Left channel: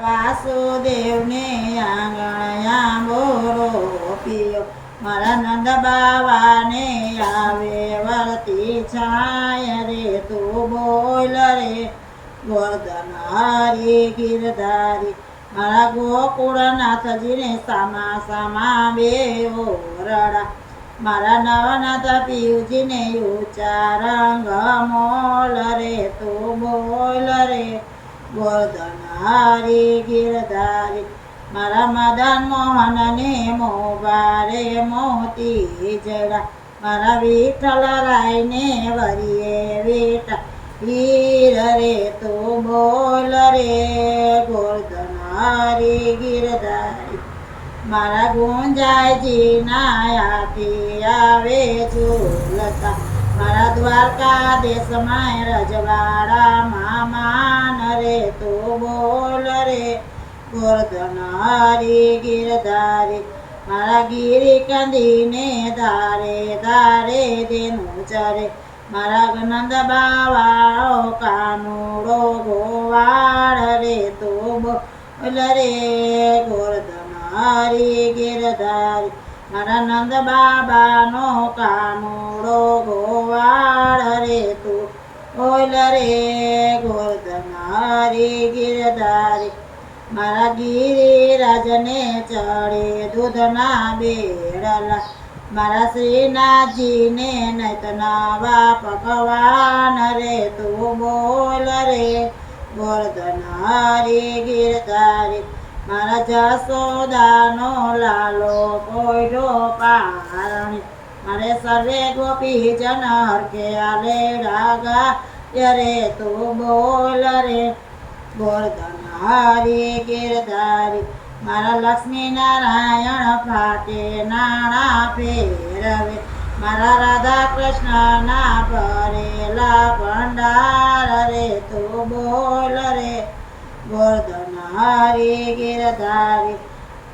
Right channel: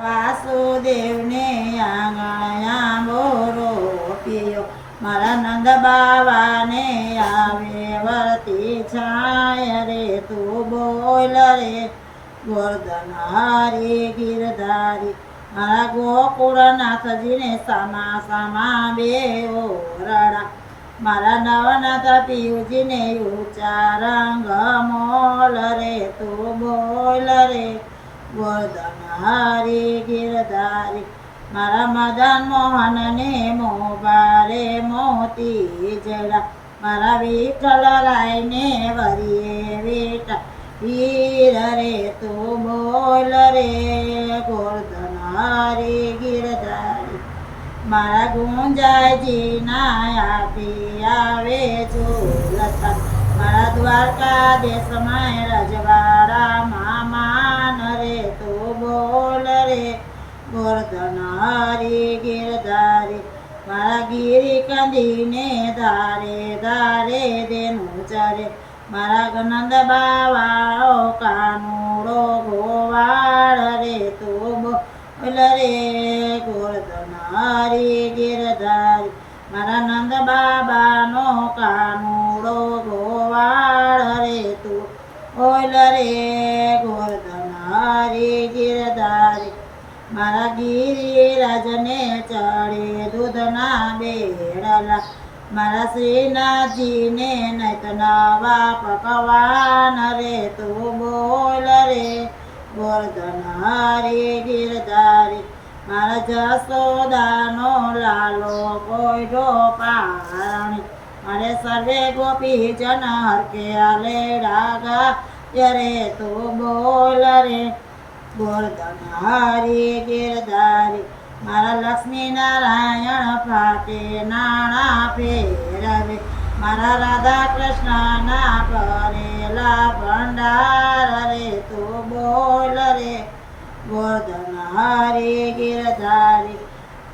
વાસુદેવને આંગણયા બોરો પિયો મારા નંદ બાવાને આવે વળતી છાય રે તું બોલ રે ગોર્ધન હરી ગિરધારી મારા ગોકુળનાથજીને સામા સામા બે ઓરડા મારા નવનાથ પિયુજીને ઊંચા રંગ મોલ રે તું બોલ રે ગોર્ધન હરી ગિરધારી મારા મદન મોહનને મોબારે મોતી જડા મારા વિઠ્ઠલ રાયને વરીએ વિઠ્ઠલ હીર રે તું બોલ રે ગોર્ધન હરી ગિરધારી મારા ગુંજાયજીના આથી આવે ઝૂલતા મારા દ્વારકા દેશમાં રજવાડામાં માન રે તું બોલ રે ગોર્ધન હરી ગિરધારી મારા ગિરી કંદીને ધારે ધારે દેનું ચરે મારા નંદ બાવાઓ કાનુડો ગોવાળ રે તું બોલ રે ગોર્ધન હરી ગિરધારી મારા નંદ બાબાનો કાનુડો ગોવાળ રે તું બોલ રે ગોર્ધન હરી ગિરધારી મારા ગિરિરાજને ચડે દૂધના બેડલા મારા શ્રીનાથજીને નૈત નવા પકવાન રે તું બોલ રે ગોર્ધન હરી ગિરધારી મારા જસોદાનો લાલો પોયડો પારણે મારે સર્વે ગોપી જન હરકે આલેડા ગાય રે તું બોલ રે ગોર્ધન હરી ગિરધારી મારા લક્ષ્મી નારાયણ ફાટે નાણા ફેરવે મારા રાધા કૃષ્ણના ભરેલા ભંડાર રે તું બોલ રે ગોર્ધન હરી ગિરધારી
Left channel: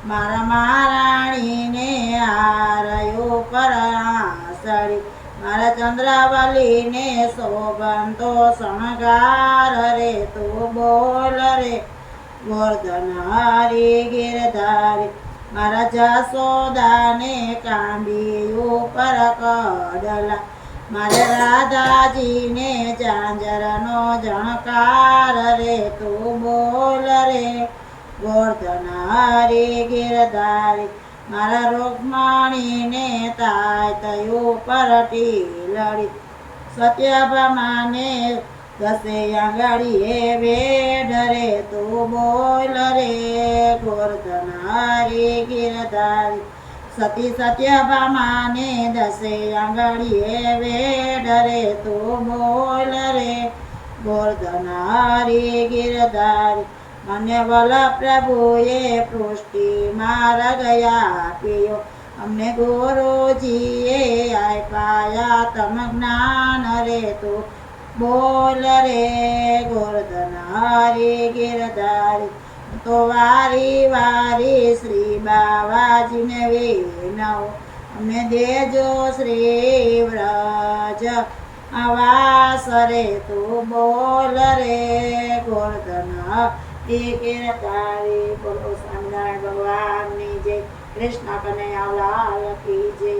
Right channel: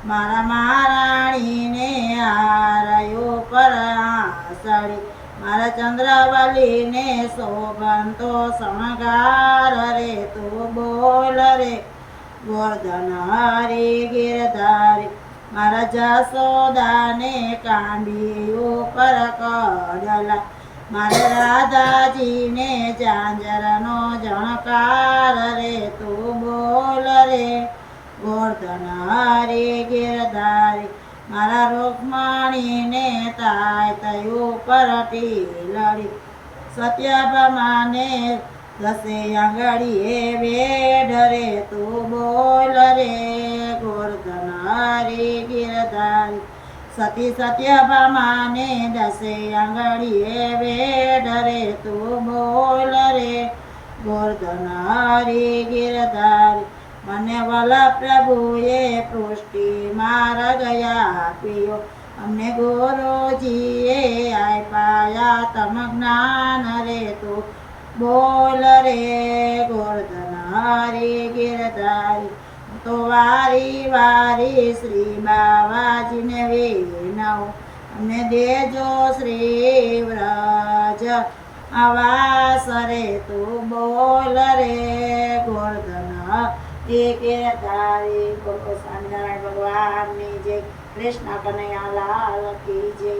મારા મહારાણીને હારયો પર આસળી મારા ચંદ્રાવલીને શોભંતો શણગાર રે તું બોલ રે ગોર્ધન હરી ગિરધારી મારા જસોદાને કાંડી ઉપર કડલા મારે રાધાજીને ઝાંઝરનો જણકાર રે તું બોલ રે ગોર્ધન હરી ગિરધારી મારા રૂકમણીને તાય તયું પર ટીલડી સત્યભામાને દસે આંગળીએ વેઢ રે તું બોલ રે ગોર્ધન હરી ગિરધારી સતી સત્યભામાને દસે આંગળીએ વેઢ રે તું બોલ રે ગોર્ધન હરી ગિરધારી મને વલ પ્રભુએ પૃષ્ટિ માર્ગ આપ્યો અમને ગુરુજીએ આપ્યા તમ જ્ઞાન રે તું બોલ રે ગોર્ધન હરી ગિરધારી તો વારી વારી શ્રી બાવાજીને વિનવ અમને દેજો શ્રી વ્રજ આવાસ રે તું બોલ રે ગોર્ધન હરી ગિરધારી બોલો સ્વામિનારાયણ ભગવાનની જય કૃષ્ણ કનૈયા લાલ કી જય।